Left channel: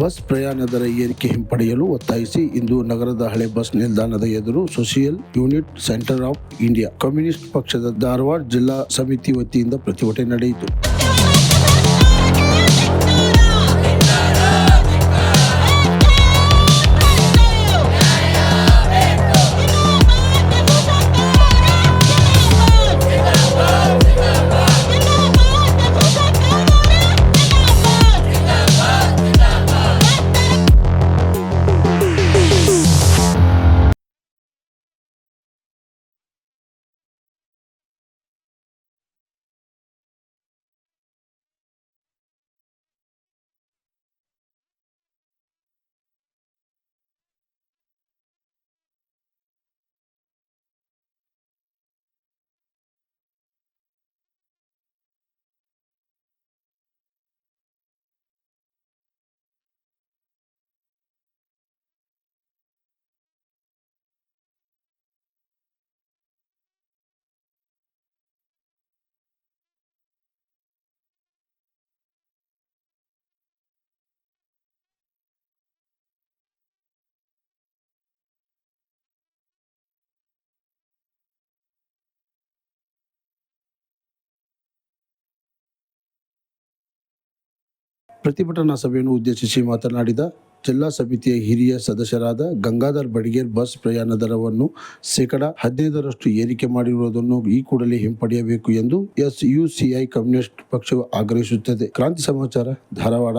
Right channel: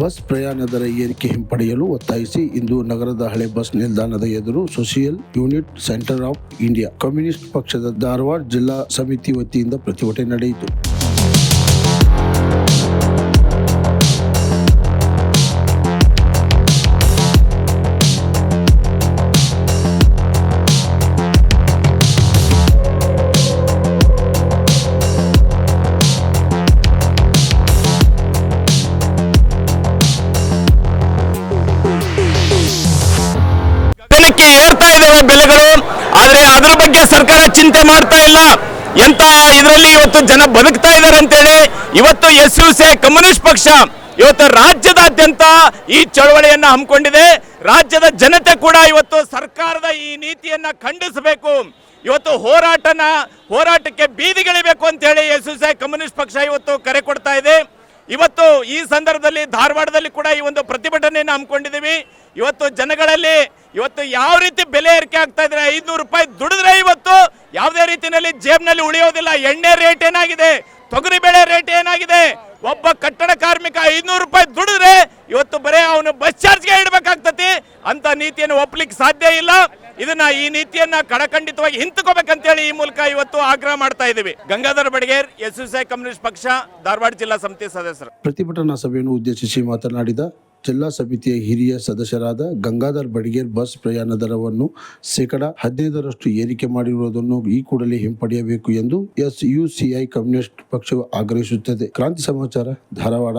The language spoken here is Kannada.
ಬಸ್ ಪ್ರಯಾಣ ದರ ಏರಿಕೆ ಹಿಂಪಡೆಯಲು ಒತ್ತಾಯಿಸಿ ಇಂದು ನಗರದ ಹಳೆ ಬಸ್ ನಿಲ್ದಾಣದ ಎದುರು social unit centre of India communist ಪಕ್ಷದ ಧಾರವಾಡ ಜಿಲ್ಲಾ ಸಮಿತಿ ವತಿಯಿಂದ ಪ್ರತಿಭಟನೆ ನಡೆಯಿತು. ಏರ್ತಾ ಇದಾವೆ ಬೆಲೆಗಳು. ಆದ್ರೆ ಅದರ ಬಗ್ಗೆ ಸರ್ಕಾರ ಚಿಂತೆ ಮಾಡ್ತಾ ಇಲ್ಲ. ಎಂತ ಇದರಲ್ಲಿ ಇವತ್ತು ಜನ ಬದುಕ್ತಾ ಇದ್ದಾರೆ ಅಂತೇಳಿ ಇವತ್ತು SUC ಕಮ್ಯುನಿಸ್ಟ್ ಪಕ್ಷ ಇವತ್ತು ರಾಜ್ಯದಾದ್ಯಂತ ಈ ಚಳವಳಿಯನ್ನ ಹಮ್ಮಿಕೊಂಡಿದೆ. ರಾಜ್ಯದ ಜನತೆ ಕೂಡ ಇವತ್ತು ಸರ್ಕಾರದ ಈ ನೀತಿಯನ್ನ ಖಂಡಿಸಬೇಕು, ಇವತ್ತು ಹೋರಾಟಕ್ಕೆ ಬೀದಿಗಿಳಿಬೇಕು ಅಂತ ಹೇಳಿ SUC ಕಮ್ಯುನಿಸ್ಟ್ ಪಕ್ಷ ಇವತ್ತು ಕರೆ ಕೊಡ್ತಾ ಇದೆ. ಇವತ್ತು ಈ ಸಂದರ್ಭದಲ್ಲಿ ಧಾರವಾಡದಲ್ಲಿ ಕೂಡ ಈ ಒಂದು ಪ್ರತಿಭಟನೆಯನ್ನು ಹಮ್ಮಿಕೊಂಡಿದ್ದೀವಿ. ಇವತ್ತು ಜನಗಳಲ್ಲಿ ಇವತ್ತು ಯಾವ ರೀತಿ ಬೆಲೆ ಏರಿಕೆ ಆಗ್ತಾ ಇದ್ರೆ 500 ರೂಪಾಯಿ ದುಡಿದ್ರೆ ಇವತ್ತು ಯಾವುದೇ ರೀತಿಯಲ್ಲಿ ಜೇಬ್ನಲ್ಲಿ ಉಳಿಯೋದಿಲ್ಲ. ಎಣ್ಣೆ ರೇಟ್ ಏನಾಗಿದೆ, ತೊಗರಿ ಬೇಳೆ ರೇಟ್ ಏನಾಗಿದೆ, ಒಬ್ಬ ಕಟ್ಟಡ ಕಾರ್ಮಿಕ 500 ರೂಪಾಯಿ ದುಡಿದ್ರೆ ಇವತ್ತು ಬರೇ ಅವನು ಬಸ್ ಚಾರ್ಜ್ಗೆ ಇಡಬೇಕಾಗ್ತತಿ. ಅಂತ ನೀತಿಯನ್ನು ಒಪ್ಪಲಿಕ್ಕೆ ಸಾಧ್ಯ ಇಲ್ಲ. ಈ ನೀತಿಯನ್ನ ಕಡಖಂಡಿತವಾಗಿ ಹಿಂತಕೋಬೇಕಂತೇಳಿ ಈ ಮೂಲಕ ಇವತ್ತು ಆಗ್ರಹ ಮಾಡ್ತಾ ಇದ್ದೀವಿ. ಗಂಗಾಧರ ಬಡಿಗೇರ್, SUC ಕಮ್ಯುನಿಸ್ಟ್ ಪಕ್ಷ, ಧಾರವಾಡ ಜಿಲ್ಲಾ ಸಮಿತಿ ಸದಸ್ಯರು. ಪ್ರತಿಭಟನಾ ಸಭೆಯನ್ನು ಉದ್ದೇಶಿಸಿ ಮಾತನಾಡಿದ ಜಿಲ್ಲಾ ಸಮಿತಿಯ ಹಿರಿಯ ಸದಸ್ಯರಾದ ಗಂಗಾಧರ್ ಬಡಿಗೇರ್, ಬಸ್ ಪ್ರಯಾಣ ದರವನ್ನು ಶೇಕಡ 15ರಷ್ಟು ಏರಿಕೆ ಮಾಡಿರುವುದನ್ನು ಈ ಕೂಡಲೇ ಹಿಂಪಡೆಯಬೇಕು ಎಂದು SUCI ಕಮ್ಯುನಿಸ್ಟ್ ಪಕ್ಷವು ಆಗ್ರಹಿಸುತ್ತದೆ. ಕ್ರಾಂತಿ ಸಮಾಚಾರ, ಧಾರವಾಡ.